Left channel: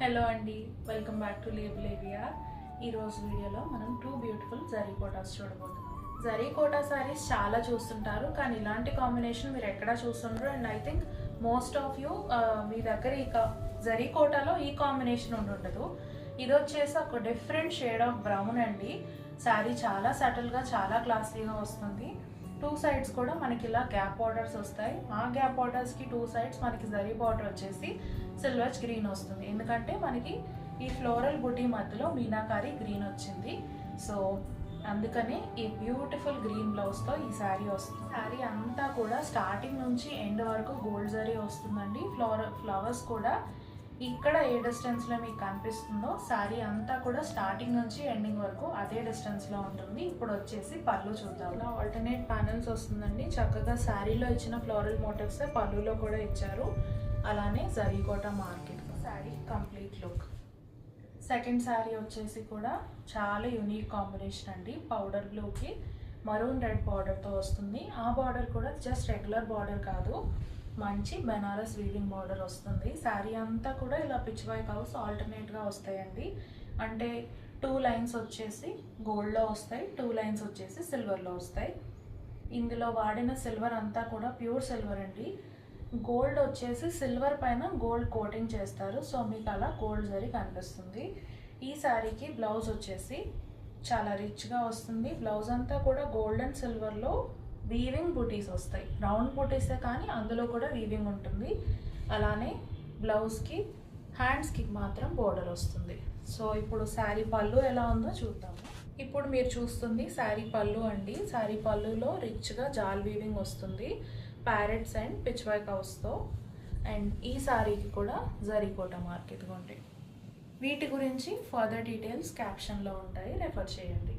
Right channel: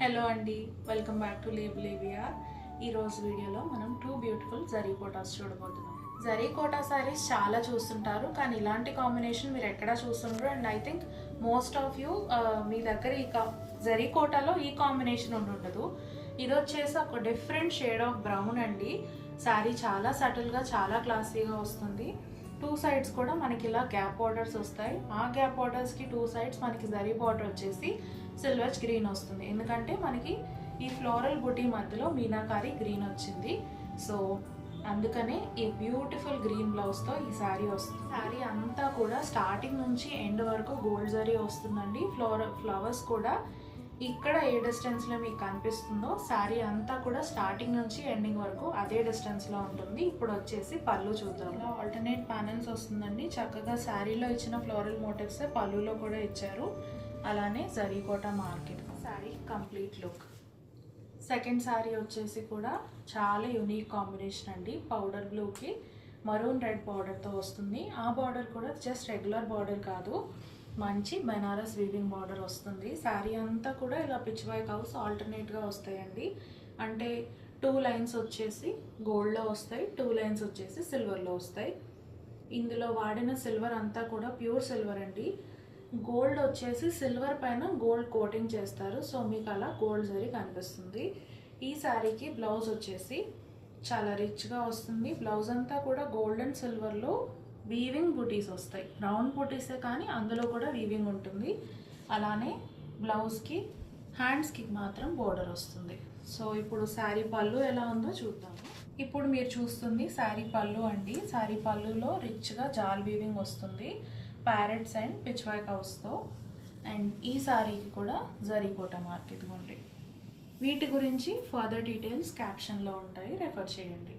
Hello అండి, welcome back to లేవియా. ఈరోజు వీడియోలో మనం 2 బ్యూటిఫుల్ జరీ కోటాస్ చూడబోతున్నాం. జరీ కోటా సారీస్ చాలా చూస్తుంటారు, కానీ ఇలాంటి కాంబినేషన్ మీరు ఎక్కడా చూస్తుంటారు. And I think most of you మీ దగ్గర జరీ కోటాలో ఈ కాంబినేషన్ ఉండదు. ఇది వచ్చేసి ఒక డిఫరెంట్ షేడ్ ఆఫ్ బ్రౌన్ అండి. శారీ చాలా సటిల్గా, చాలా క్లాసీగా వస్తుంది. 2 సైడ్స్ కూడా మనకి ఇలా గ్యాప్ బార్డర్స్ వస్తాయి. ఆ గ్యాప్ బార్డర్స్కి 2 సైడ్స్ మనకి జరీ బార్డర్ వచ్చేసి సిల్వర్ గ్రీన్ వస్తుంది. ఎందుకంటే మనకి ఈ ఫ్లోరల్ బుటీ మధ్యలో మీనాకారి గ్రీన్ వచ్చింది. సో అందుకనే ఈ బ్యూటిఫుల్ గ్రీన్ బ్లౌజ్తో ఈ శారీ వస్తుంది. శారీ అంతా కూడా స్టార్టింగ్ నుంచి ఎండ్ వరకు గోల్డ్ జరీ వస్తుందండి. ఫ్లవర్స్ కూడా ఇక్కడ ఏ డిస్టెన్స్లో మీకు కనిపిస్తుందో శారీ అంతా కూడా స్టార్టింగ్ నుంచి ఎండింగ్ వరకు అదే డిస్టెన్స్లో ఉంటుంది. ఇప్పుడు వచ్చేసి పళ్ళు చూద్దాం. ఆల్టర్నేట్ ప్యానల్స్ వస్తుందండి. చక్కగా శారీలో ఇచ్చిన ఫ్లోరల్ మోటివ్స్ పళ్ళులో కూడా ఇచ్చారు. అలానే zari Kota market sari complete look. Second sari వచ్చేసి కూడా చాలా యూనిక్ కాంబినేషన్ అండి. పౌడర్ బ్లూకి మరూన్ రెడ్ బార్డర్తో వస్తుంది. ఆ బార్డర్ కూడా జస్ట్ రెగ్యులర్ బార్డర్ కాదు, మంచి బెనారస్ వీవింగ్ బార్డర్ వస్తుంది. శారీ అంతా కూడా ఇలా పిచ్ వైక్ హౌస్ ఆల్టర్నేట్గా వస్తాయండి. అంటే 2 లైన్స్ వచ్చేసి గోల్డ్లో వస్తాయి, 2 లైన్స్ వచ్చేసి సిల్వర్లో వస్తాయి. ఇందులో వాడిన సిల్వర్ అంతా కూడా ప్యూర్ సిల్వర్ అండి. గోల్డ్ వచ్చేసి సిల్వర్ పైన గోల్డ్ కోటింగ్ చేస్తారు. సో మీకు అలా గోల్డ్ జరీ కనిపిస్తుంది. ఈ శారీకి బ్లౌజ్ వచ్చేసి చాలా రిచ్గా వస్తుంది. బ్లౌజ్ అంతా కూడా గోల్డ్ అండ్ సిల్వర్లో వీవింగ్ బూటీస్ వస్తాయి. రౌండ్ బూటీసే కానీ అందులో కూడా వీవింగ్ ఉంటుంది. అలానే బ్లౌజ్కి హ్యాండ్స్కి మాత్రం బోర్డర్ వస్తుంది. సో ఇప్పుడు శారీ పళ్ళు ఎలా ఉందో చూద్దాము. ఇప్పుడు మీరు చూస్తుంది శారీ పళ్ళు అండి. శారీ పళ్ళులో రిచ్గా జాల్ వీవింగ్ వస్తుంది, ప్యారెట్స్ అండ్ పిచ్ వర్క్ హౌస్తో. అండ్ ఈ శారీకి కూడా జరీ కోటా మార్కెట్ ఉంటాయి. వీటి గురించి ఫర్దర్ డీటెయిల్స్ క్యాప్షన్లో ఉంటాయి, రెఫర్ చేయండి.